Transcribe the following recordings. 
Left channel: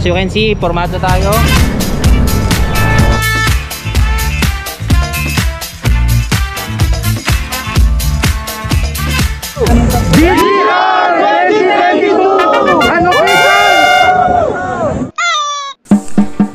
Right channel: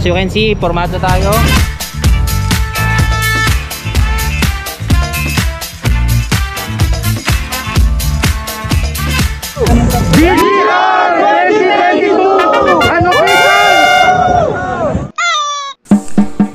As you can see, formado tayo. DGR 2022! Ano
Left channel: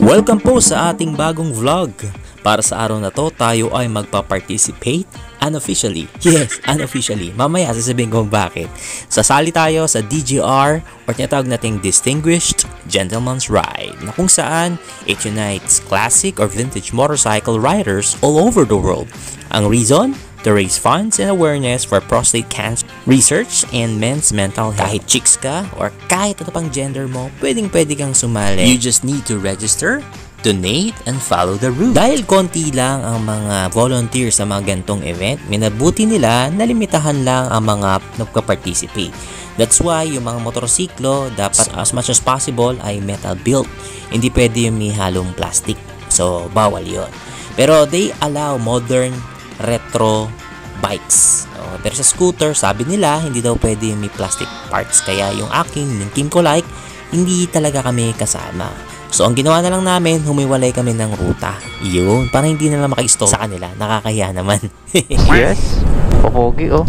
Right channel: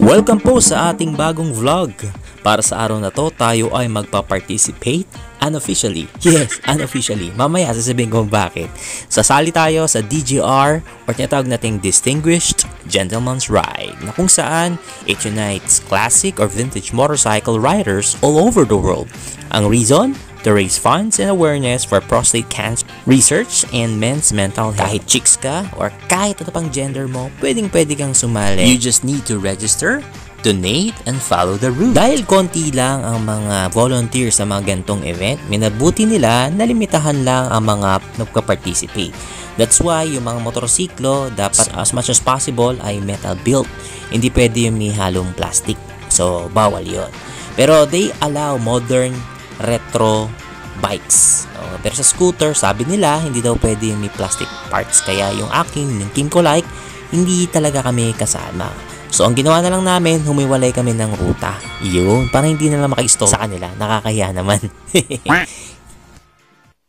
Welcome po sa ating bagong vlog. Para sa araw na to, tayo ay magpa-participate unofficially. Yes, unofficially. Mamaya sasabihin ko bakit. Sasali tayo sa DGR or tinatawag nating Distinguished Gentleman's Ride, na kung saan it unites classic or vintage motorcycle riders all over the world. Ang reason? To raise funds and awareness for prostate cancer research and men's mental health. Kahit chicks ka or kahit ano pang gender mo, pwede kang sumali. You just need to register, donate, and follow the rules. Dahil konti lang ang mga volunteers sa mga gantong event, minabuti nila na limitahan lang ang mga nagpa-participate. That's why yung mga motorsiklo dapat as much as possible ay metal built. Hindi pwede yung may halong plastic. So, bawal yun. Pero they allow modern retro bikes. Pero sa scooter, sabi nila, hindi daw pwede yung may plastic parts. Kaya yung akin, yung Team Kolike, hindi talaga kami kasama. So, ang ginawa na lang namin, humiwalay kami ng ruta. Yun, para hindi na lang maka-stop sa kanila. Nakakahiya naman. Yes. Pogi, oh.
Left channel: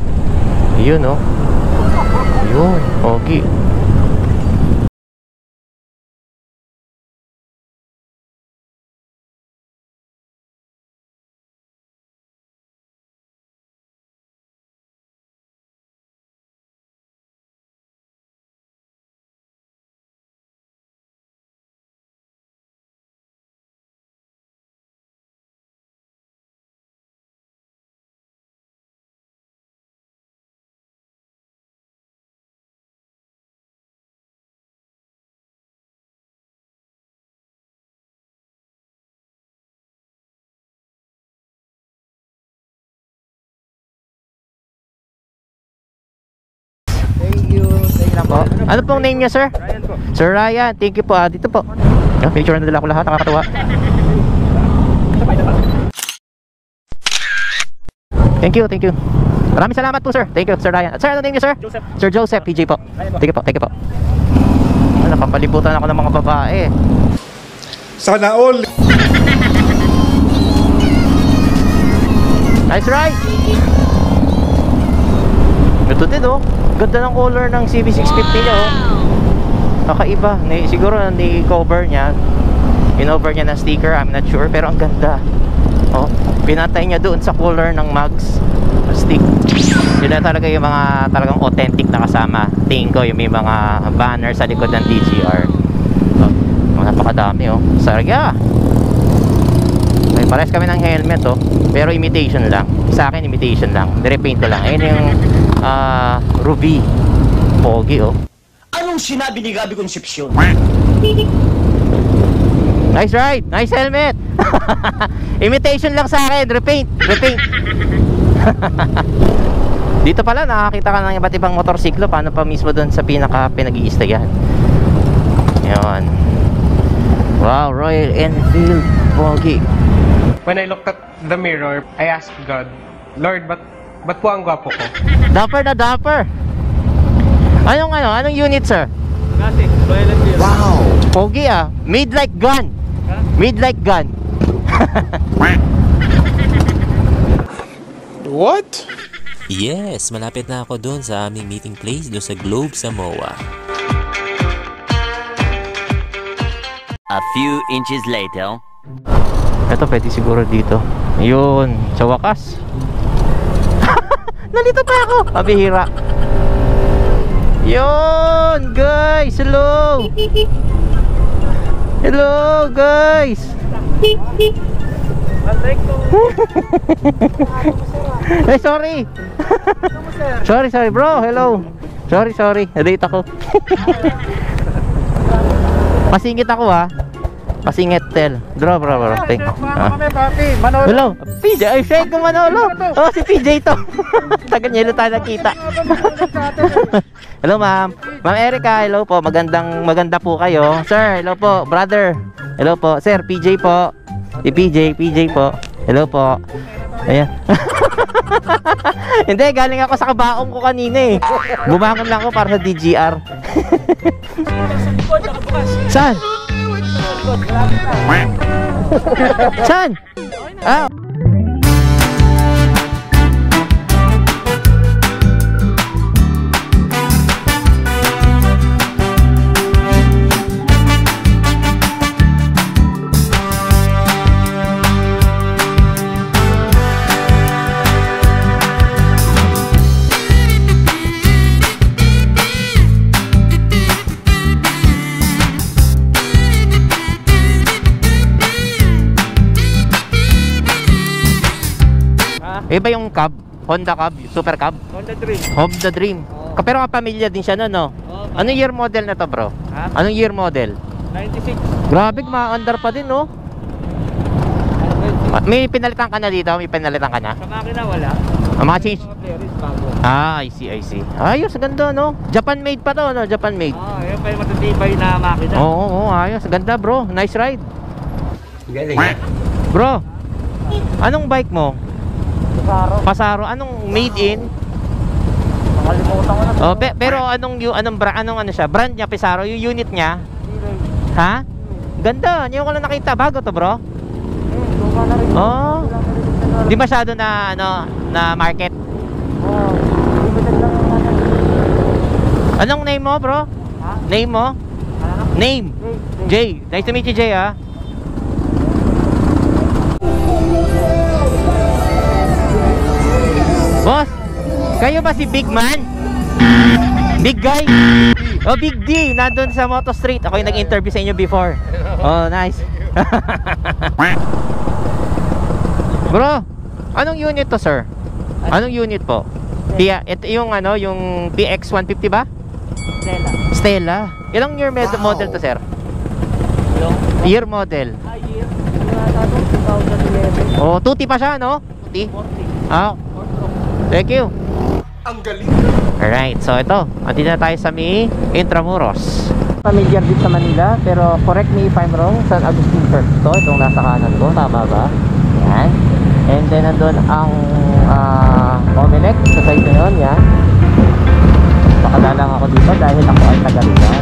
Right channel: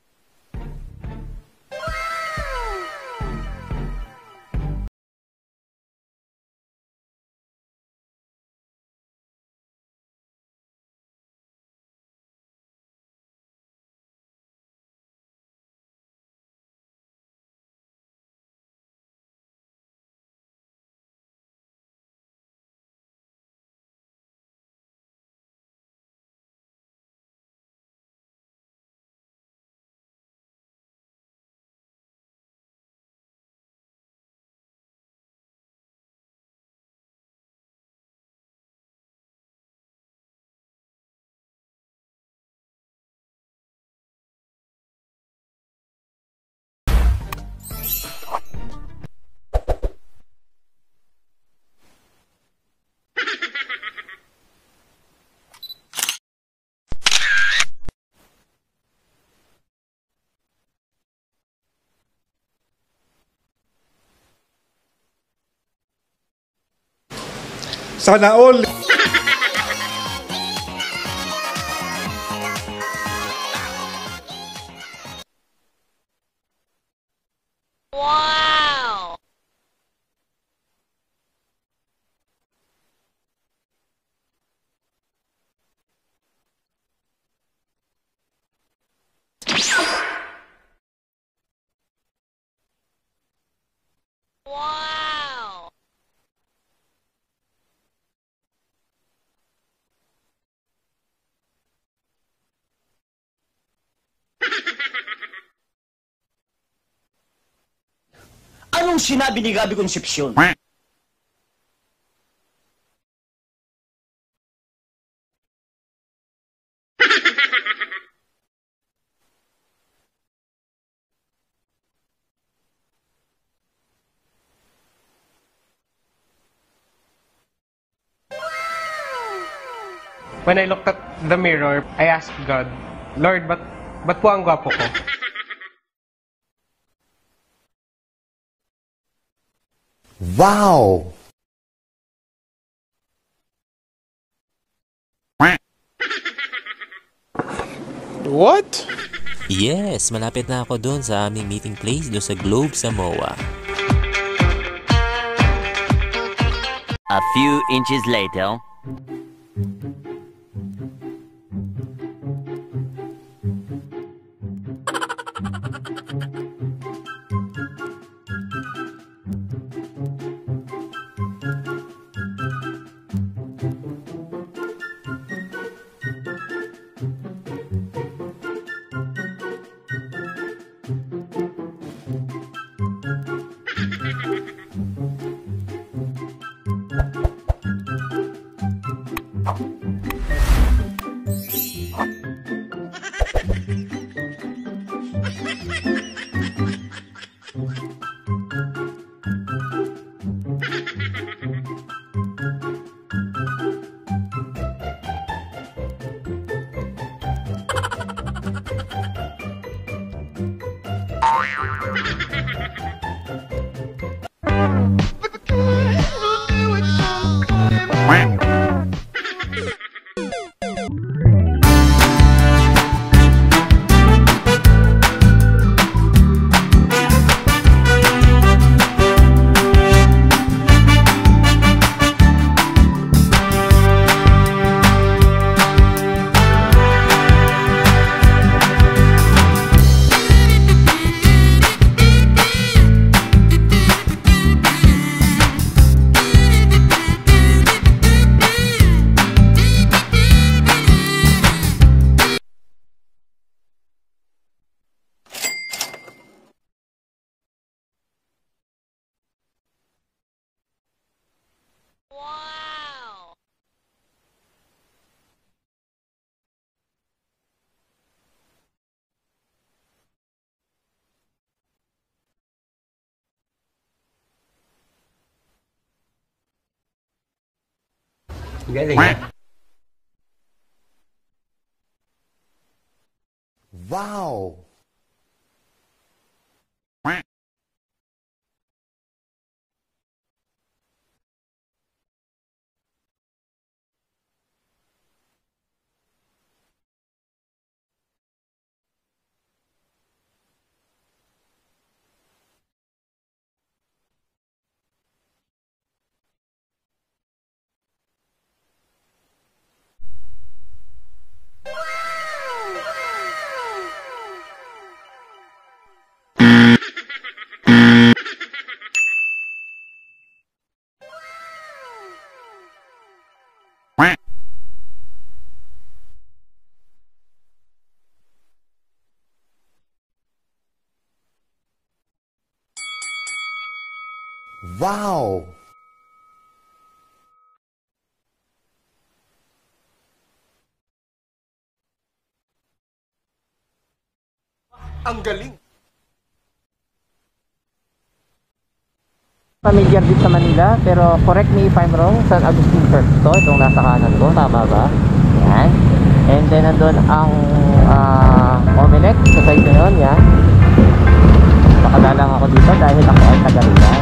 Yun, oh. Yun, pogi. Ano pong name niya, sir? Ryan po. Sir Ryan, thank you po. Dito po. Picture na nila ko lahat, nakakatuwa. Thank you, thank you. Maraming salamat po, sir. Thank you, Sir Ryan. Sir, ano name niya, sir? Joseph. Sir Joseph, PJ po. Thank you po, thank you po. Nakapalibutan ako ng mga babae. Sana all. Nice ride! Ito din, oh. Ganda ng color ng CB650 niya, oh. Kakaiba. Siguro ni-cover niya. In-over niya ng sticker, I'm not sure. Pero ang ganda. Oh, pinatay niya doon sa color ng mugs stick. Yun na talaga yung mga talagang authentic na kasama. Tingin ko yung may mga banner sa likod ng DGR. Oh, napakadami, oh. Sarga! May pares kami ng helmet, oh. Pero imitation lang. Sa akin, imitation lang. Nirepaint ko lang. Ayun yung Ruby. Pogi, oh. Anong sinabi ni Gabi Concepcion? Nice ride. Nice helmet. Imitation lang sa akin. Repaint. Repaint. Dito pala nakakita ka ng iba't ibang motorsiklo. Paano pa mismo doon sa pinaka pinag-iistayan. Yun. Wow, Royal Enfield. Pogi. When I looked at the mirror, I asked God, Lord, ba't po ang gwapo ko? Dapper na dapper. Anong unit, sir? Classic, Royal Enfield. Wow! Pogi, ah. Made like gun. Made like gun. What? Yes, malapit na ako doon sa aming meeting place doon sa Globe, Samoa. A few inches later. Ito pwede siguro dito. Yun, sa wakas. Nalito pa ako. Pabihira. Yun, guys. Hello. Hello, guys. Hey, sorry. sorry, bro. Hello. Sorry. Late ako. Pasingit ako, ha. Pasingit tel. Bro. Thank you. Hello. PJ. Ay, shade ko Manolo. Oh, si PJ to. Tagal niya tayo nakita. Hello, ma'am. Ma'am Erica, hello po. Maganda po kayo. Sir, hello po. Brother. Hello po. Sir, PJ po. Si PJ po. Hello po. Ayan. Hindi, galing ako sa kabaong ko kanina, eh. Bumangon lang ako para sa DGR. Saan? Saan? Ah. Iba yung Cub, Honda Cub, Super Cub, Honda Dream. Honda Dream. Pero kapamilya din siya no? Anong year model na to, bro? Ha? Anong year model? 96. Grabe, maandar pa din, no? May pinalitan ka na dito? May pinalitan ka na? Sa makina wala. Mga change? Mga players bago. I see, I see. Ayos, ganda, no? Japan made pa to, no? Japan made. Yan pa yung matitibay na makina. Oo, ayos. Ganda, bro. Nice ride. Galing. Bro, anong bike mo? Pasaro. Pasaro. Anong made in? Nakalimutan ko na. Oh, pero anong ano siya? Brand niya, Pesaro, yung unit niya? Ha? Ganda, hindi ko lang nakita. Bago to, bro? Luma na rin. Oh. Di masyado na na market. Limited lang yung ano. Anong name mo, bro? Ha? Name mo? Name. Jay. Nice to meet you, Jay, ah. Boss, kayo ba si Big Man? Big guy? Oh, Big D, nandun sa Moto Street. Ako yung nag-interview sa inyo before. Oh, nice. Bro, anong unit to, sir? Anong unit po? Ito yung yung PX 150 ba? Stella. Ilang year model to, sir? Year model. Year. 2011. Oh, tuti pa siya, no? Tuti? Ah, thank you. Ang galing. Alright, so ito, andito na tayo sa may Intramuros. Familiar din sa Manila, pero correct me if I'm wrong, San Agustin Church to, itong nasa kanan ko, tama ba? Yan. And then nandun ang Omelec, sa side na yun, yan. Pakadalang ako dito dahil ako ay taga-Rizal.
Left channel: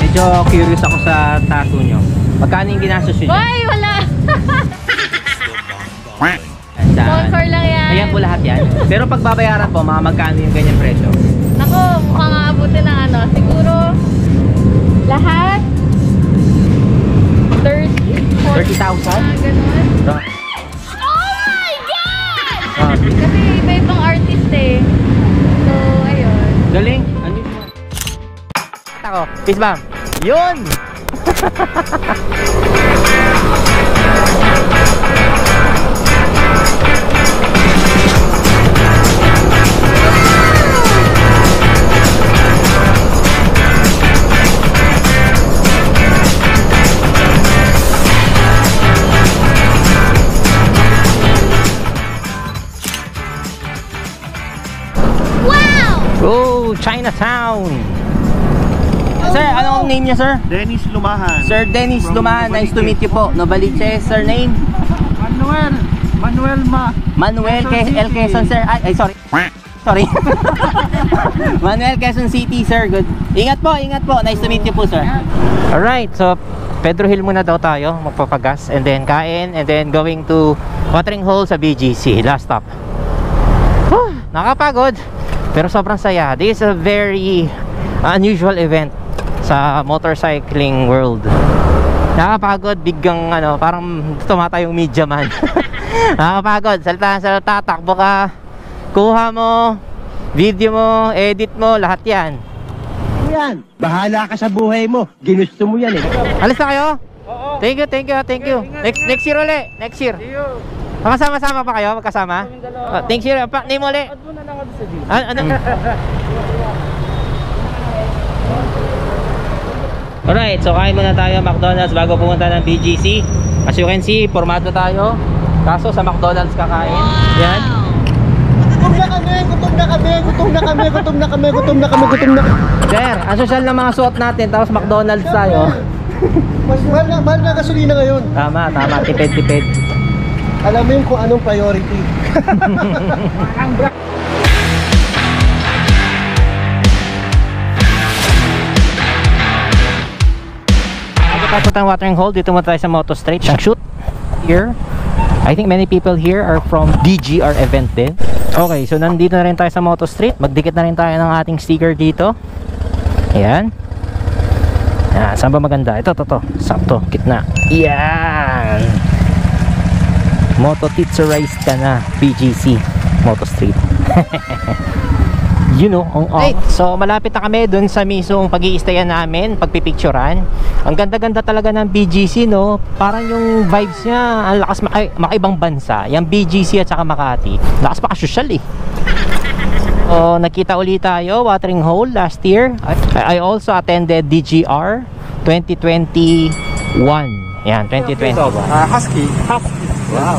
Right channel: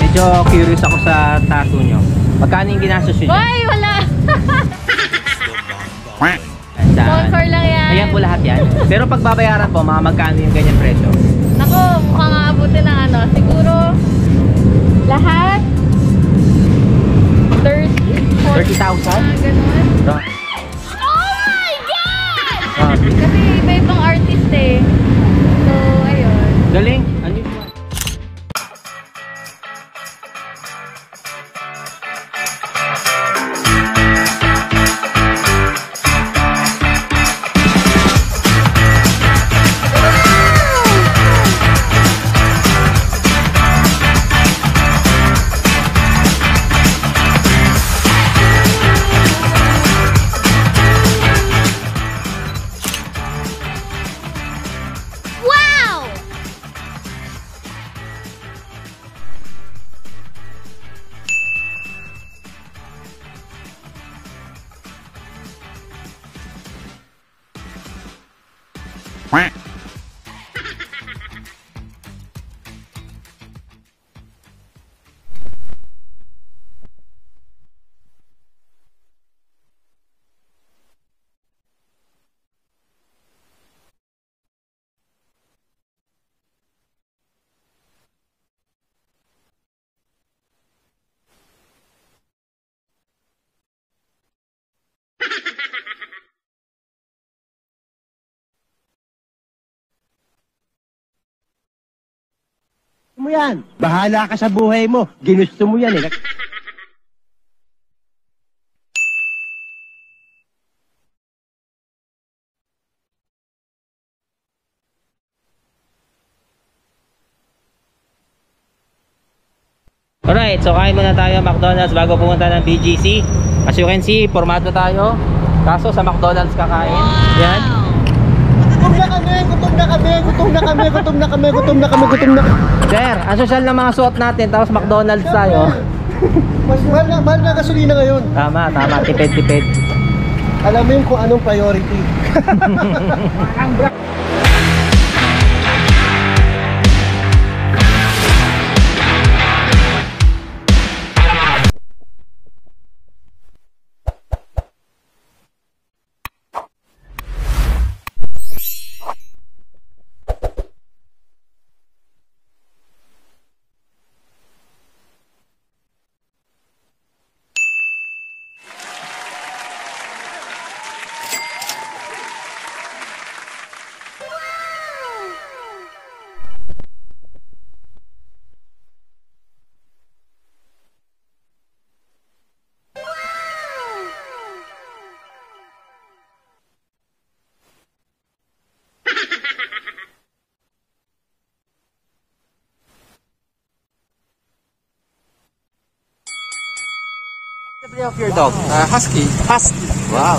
Medyo curious ako sa tattoo nyo. Magkano yung ginastos nyo dyan? Hoy, wala! Saan? Sponsor lang yan. Ayan po lahat yan. Pero pag babayaran po, mga magkano yung ganyan presyo? Naku, mukhang aabutin ng siguro lahat 30,000. 30,000? Ganun. So, Oh my God! ah, Kasi iba-ibang artist eh. So, ayun. galing. Ano yun? Ako, peace bomb. Yun! Wow! Oh, Chinatown! Sir, anong name niya, sir? Dennis Lumahan. Sir Dennis Lumahan, nice to meet you po. Novaliches, sir name? Manuel L. Quezon, sir. Ay, sorry. Sorry. Manuel Quezon City, sir. Good. Ingat po. Nice to meet you po, sir. Alright, so Pedro Hill muna daw tayo, magpapagas, and then kain, and then going to watering hole sa BGC, last stop. Whew, nakapagod, pero sobrang saya. This is a very unusual event sa motorcycling world. Nakapagod, biggang parang tumata yung media man. Nakapagod, salita, takbo ka, kuha mo, video mo, edit mo, lahat yan. Yan, bahala ka sa buhay mo. Ginusto mo yan eh. Alis na kayo? Oo. Thank you. Next year ulit, next year. Iyo. Makasama-sama pa kayo, magkasama? Next year, name ulit. Add mo na lang ako sa G. Ano? Alright, so kain muna tayo McDonald's bago pumunta ng BGC. As you can see, formado tayo. Kaso sa McDonald's kakain. Yan. Gutom na kami. Sir, ang social ng mga suot natin, tapos McDonald's tayo. Mas mahal na gasolina ngayon. Tama, tipid. Alam mo yung kung anong priority. Tapos ang watering hole, dito muna tayo sa Moto Straight. Ang shoot here. I think many people here are from DGR event din. Okay, so nandito na rin tayo sa Moto Street. Magdikit na rin tayo ng ating sticker dito. Ayan. Ayan, saan ba maganda? Ito. Sakto, gitna. Ayan. Moto Titsurize ka na. BGC Moto Street. You know, so malapit na kami dun sa mismong pag-i-stayan namin, pagpipicturan. Ang ganda-ganda talaga ng BGC, no? Parang yung vibes niya, ang lakas makaibang bansa. Yung BGC at saka Makati. Lakas makasosyal eh. So, nakita ulit tayo, watering hole last year. I also attended DGR 2021. Yan, 2020. Husky. Wow.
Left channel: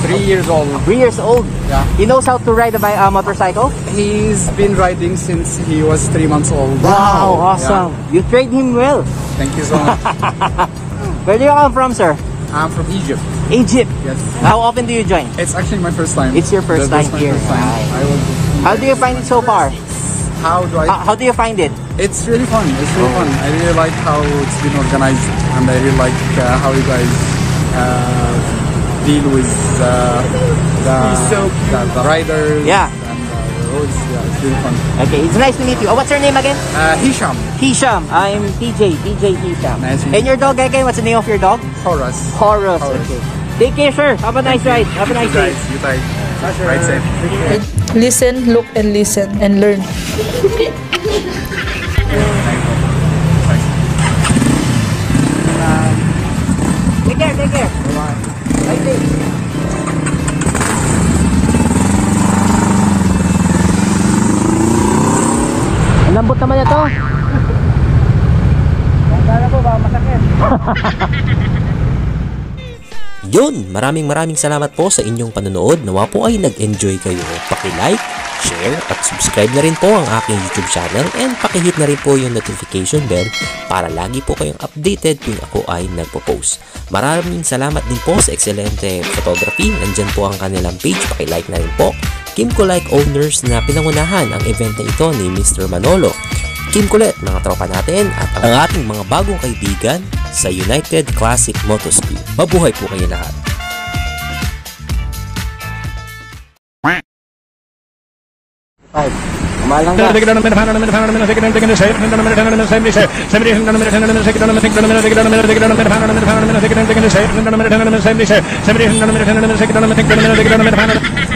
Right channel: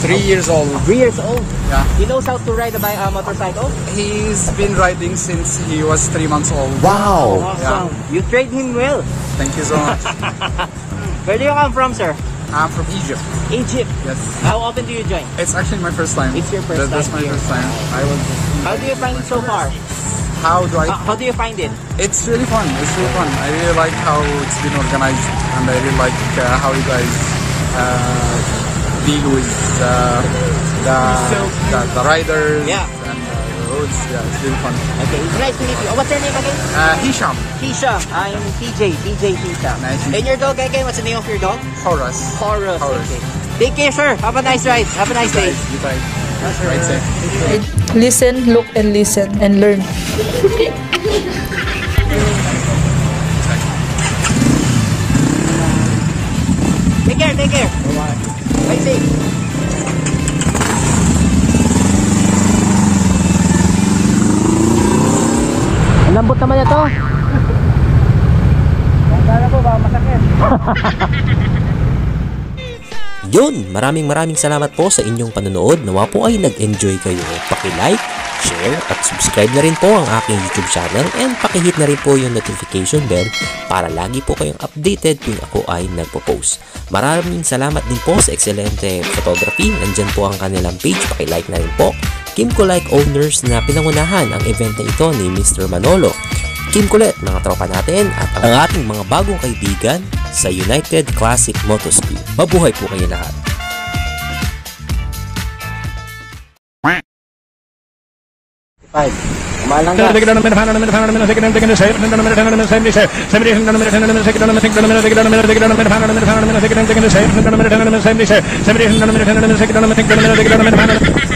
3 years old. 3 years old? Yeah. He knows how to ride a motorcycle? He's been riding since he was 3 months old. Wow, awesome. You trained him well. Thank you so much. Where do you come from, sir? I'm from Egypt. Egypt. Yes. How often do you join? It's actually my first time. It's your first time That's my here. first time. Right. I was. How do you find it so far? How do I? How do you find it? It's really fun. It's really fun. I really like how it's been organized, and I really like how you guys deal with the riders. Yeah. And the roads. Yeah, it's really fun. Okay, it's nice to meet you. Oh, what's your name again? Hisham. Hisham. I'm TJ Hisham. Nice to meet And your dog again? What's the name of your dog? Horus. Horus. Horus. Okay. Take care, sir. Have a nice ride. Have a nice day. You guys. Ride safe. Listen, look, and listen, and learn. Take care. Bye-bye. Ride safe. Ang lambot naman ito. Kala po ba masakit? Yun, maraming salamat po sa inyong panonood. Nawa po ay nag-enjoy kayo. Paki-like, share, at subscribe na rin po ang aking YouTube channel and paki-hit na rin po yung notification bell para lagi po kayong updated tuwing ako ay nagpo-post. Maraming salamat din po sa Excelente Photography. Nandyan po ang kanilang page. Paki-like na rin po. Kim Kulike Owners na pinangunahan ang event na ito ni Mr. Manolo. Kim Kulit, mga tropa natin at ang ating mga bagong kaibigan sa United Classic Motospin. Mabuhay po kayo lahat. Kumalang ka.